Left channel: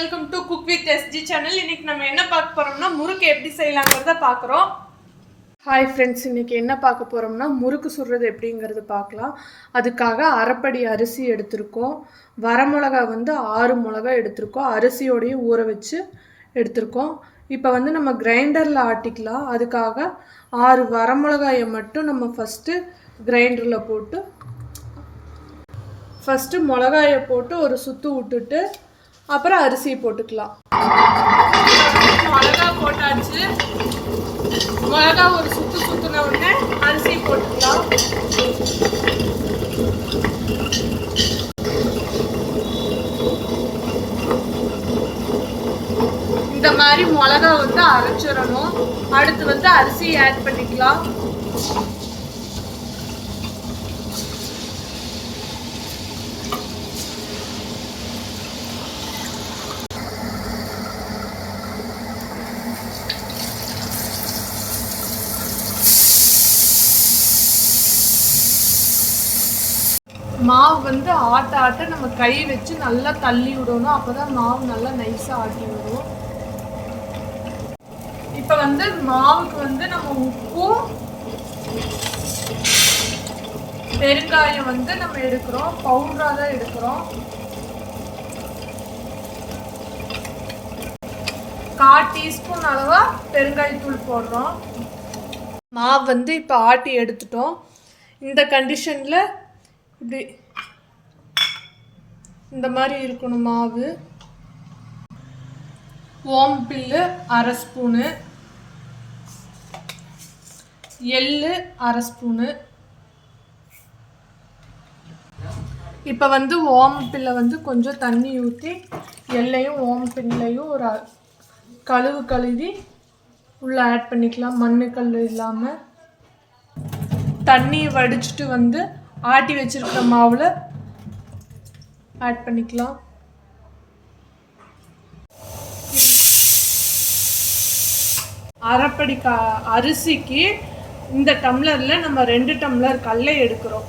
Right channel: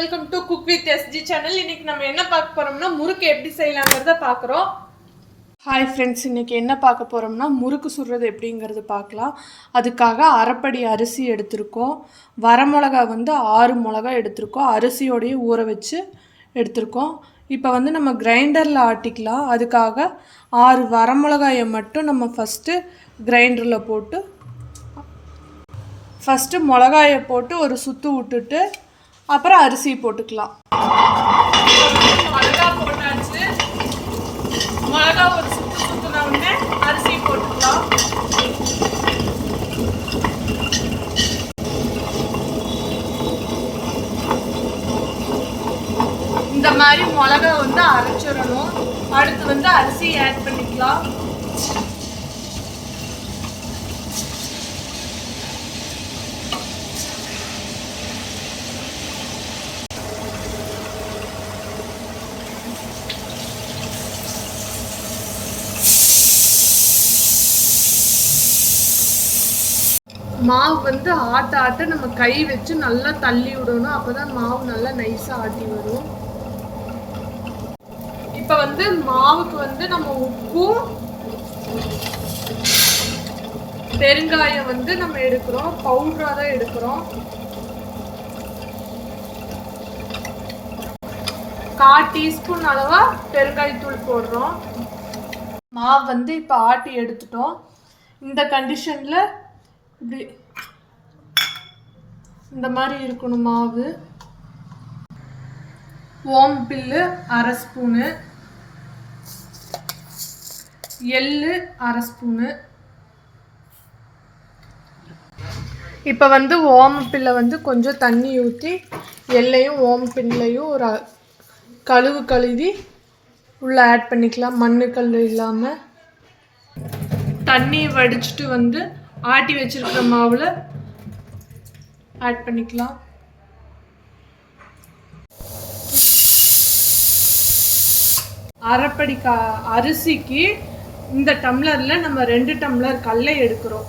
Welcome to cook with SG channel. இன்னைக்கு நம்ம என்ன பார்க்க போறோம்னா முறுக்கு எப்படி செய்யலாங்கிறத பார்க்குறோம். ஹாய் ஃப்ரெண்ட்ஸ், இன்னைக்கு என்ன பார்க்க போறோம்னா முறுக்கு சுடுறது எப்படிங்கிறது பார்க்கலாம். அதுக்காக அரைப்படி அரிசி எடுத்திருக்கோம். வரமிளகா 6 மிளகா எடுத்திருக்கோம். அரிசியோடையே ஊற வச்சு எடுத்திருக்கோம். இப்போ நம்ம கிரைண்டரில் ஆட்டிக்கலாம். அதுக்காக 6 வரமிளகாயை மட்டும் நம்ம ஃபஸ்ட்டு கிரைண்டரில் போட்டு மிளகாயை போட்டு ஒரு சுற்று விட்டுட்டு அப்புறம் அரிசி போட்டுக்கலாம். மிளகா போட்டாச்சு. மிளகா ஒரு சுற்றுன உடனே அரிசி போட்டுக்கலாம். இந்த மாதிரி மிளகா அரைச்சிடணும். அடுத்து அரிசி ஆட் பண்ணிக்கலாம். மாவு ஆட்ட நம்ம கை வச்சு நல்லா தள்ளி விடணும். அப்போதான் மாவு நல்லா நைஸாக ஆட்டி விடும். இப்போ மாவுக்கு நம்ம உப்பும் பெருங்காயம் நம்ம எடுக்கிறோம். பவுடராக தான் எடுக்கிறோம். 1/4 டீஸ்பூன் அளவா பெருங்காயத்தூள் போடுறோம். மாவு இப்போ ஆட்டி எடுத்துட்டோம். இந்த கண்டிஷனில் இப்படி இந்த மாதிரி இருக்கணும் மாவு. ஓமப்பில்லு 1/2 ஸ்பூனு, எள்ளு 1/2 ஸ்பூனு. இப்போ ஓமப்பில்லை கொஞ்சம் தண்ணி ஊற்றி எள்ளையும் ஓமப்பில்லையும் ஒரு கழுவி உள்ளே ஆட் பண்ணிக்கலாம். மண்ணுக்கல் இல்லாமல் தண்ணி வடிச்சிட்டு ஆட்டி வச்சிருக்கிற மாவில் ஆட் பண்ணிக்கலாம். அரைப்படி அரிசிக்கு இந்த டம்ளரில் நம்ம 2 டம்ளர் கடலை எடுக்கிறோம்.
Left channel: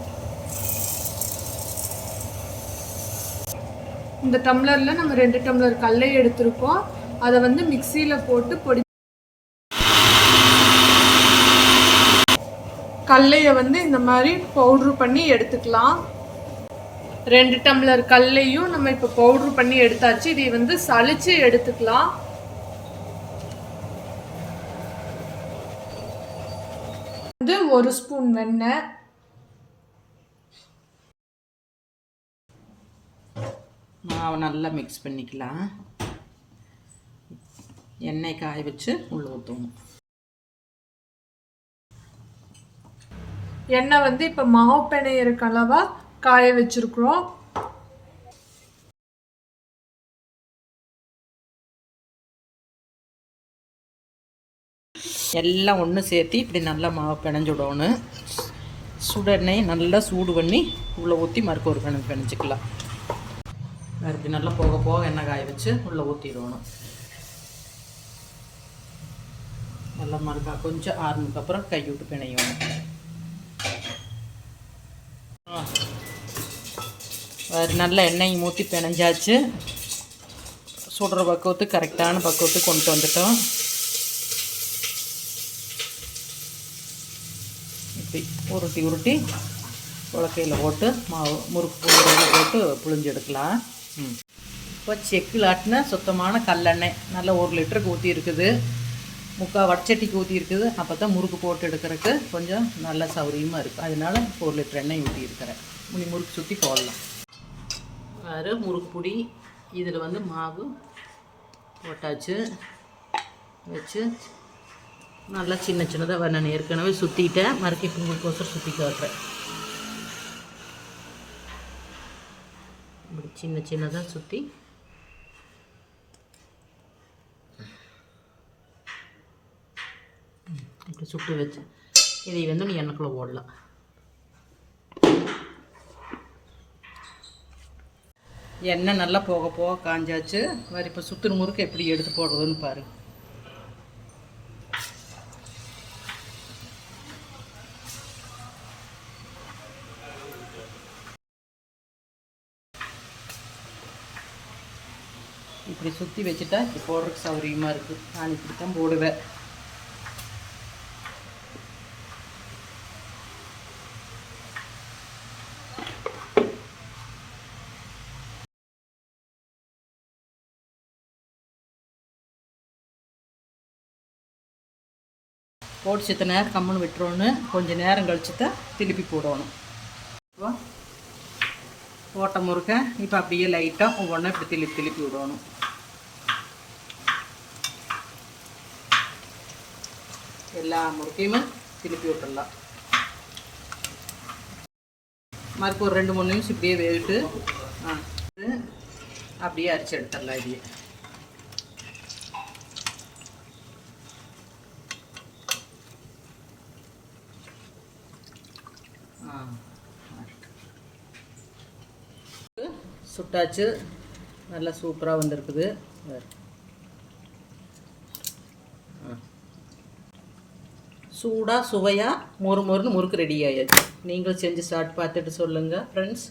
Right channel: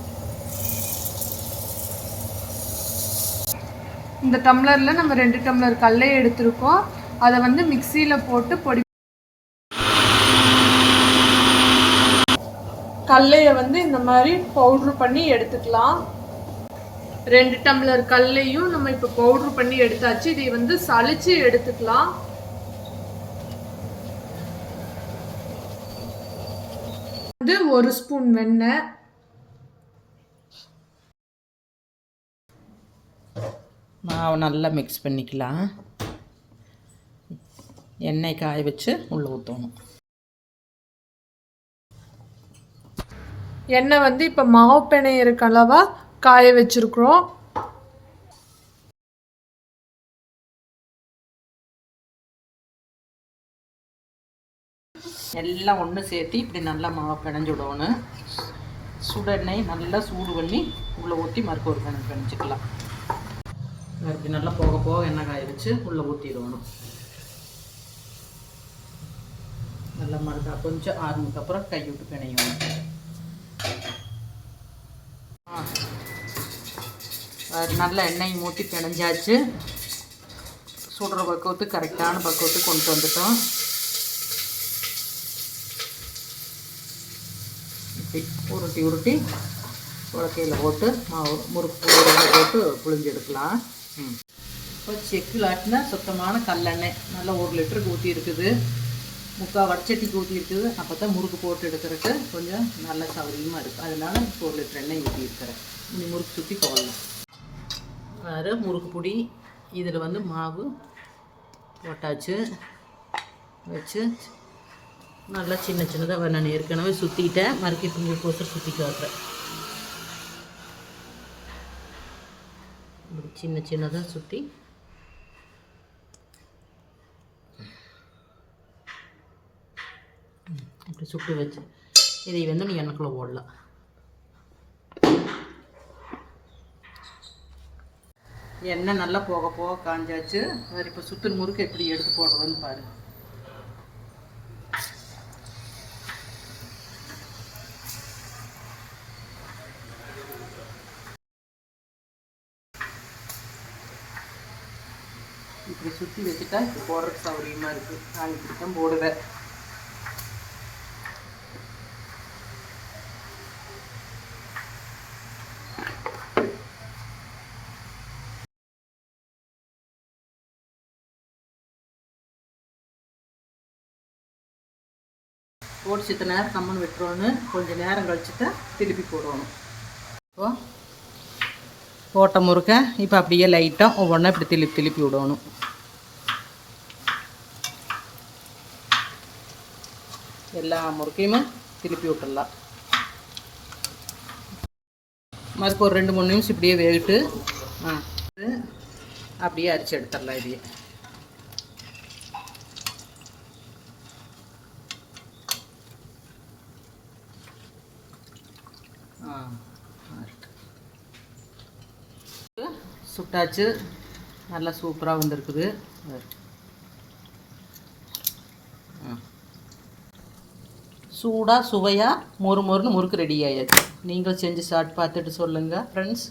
இந்த டம்ளரில் நம்ம 2 டம்ளர் கடலை எடுத்திருக்கோம். அதை மிக்சியில் போட்டு பொடி கடலையை இந்த மாதிரி பவுட்ரு பண்ணி எடுத்துக்கலாம். 2 டம்ளர் கடலையும் நம்ம இப்போ பவுட்ரு பண்ணி எடுத்தாச்சு. இதை சலிச்சு எடுத்துக்கலாம். ஒரு ஸ்பூன் வெண்ணெய், மாவு நல்லா மிக்ஸ் பண்ணிக்கலாம். எண்ணெய் காய வச்சு உள்ள ஊற்றணும். எண்ணெய் இப்போ மாவு பிணையிறக்கு அளவா காய வச்சிருக்கிறோம். எல்லாம் ஒன்று சேர்த்து இப்படி நல்லா மாவு பிணைஞ்சு விடணும். சுடெண்ணெய் நல்லா சூடு பண்ணி உள்ளே ஊற்றி மறுக்க ஒரு பிணைஞ்சிக்கலாம். மறுக்கு நல்லா போக போக எண்ணெய் காய வச்சு உள்ளே ஊற்றிடணும். நல்லா மறுக்கா கொஞ்சம் ஆறுனதுக்கப்புறம் கை விட்டு பிணையணும். நல்ல எண்ணெய் ஊற்றி பிணைஞ்சாச்சு. சுடுற பக்குவத்துக்கு கரெக்டான பக்குவத்துக்கு கொண்டு வந்துட்டோம். இப்படி உருட்டி உலக்கையில் போட்டு மாவு முறுக்கு போட்டு புழிஞ்சு எடுக்கலாம். இப்போ செக்கில் ஆட்டின சுத்தமான கல்லெண்ணெய் நல்லா 1 லிட்டருக்கு ஊற்றி இருக்குது. 3/4 வடச்சட்டிக்கு ஊற்றி இருக்குது. அப்போ தான் முறுக்கு போட்டு எடுக்கிறதுக்கு கொஞ்சம் நல்ல சௌகரியமாக இருக்குது. அதனால 1 லிட்டர் எண்ணெய் ஊற்றி இருக்கிறேன். முறுக்கு சுற்றி போடலாம். வேறு முறுக்கு பொடி இதில் மாவு போட்டாச்சு. வச்சு நல்லா சின்னதாக நான் ஏற்கனவே சுற்றிட்டேன். மறுக்கி பொங்கலுக்கோசரம் சுற்றி காட்டுறேன். இப்படி சின்னதாக சுற்றி இப்படி சுட்டு வச்சு இதை நீ எண்ணெய்க்குள்ளே போடலாம். எண்ணெய் நல்லா போக போக காஞ்சாச்சு. வேறு இப்போ சுற்றுன முறுக்கு எப்படி எடுத்து போடுறதுன்னு பாரு. இப்படி சுற்றி வச்சுட்டா இப்போ போடுறதுக்கு சௌகரியமாக இருக்குது. நான் இப்படி தான் போடுவேன். போட்டு சித்த நேரம் கம்முன்னு விட்டுருவோன்னு கொஞ்சம் நேரம் கழிச்சு தான் திருப்பி போடணும். இப்போ போட்ட முறுக்க இப்போ அப்படியே லைட்டாக ஒவ்வொன்றா இப்படி திருப்பி விடணும். எல்லா முறுக்கையுமே திருப்பி விட்டுடலாம். மறுப்பு ஒரு 2-3 நிமிஷம் இப்படியே வேகிட்டு அப்படியே அரிச்சு எடுத்துடலாம். இதையே சுட்டாச்சு. நல்லா சூப்பராக வந்திருக்குது. சூடாக சுவையாக மொறுன்னு முறுக்கு ரெடி ஆயாச்சு. நீங்களும் செஞ்சு சாப்பிட்டு பார்த்துட்டு சொல்லுங்கள் ஃப்ரெண்ட்ஸ்.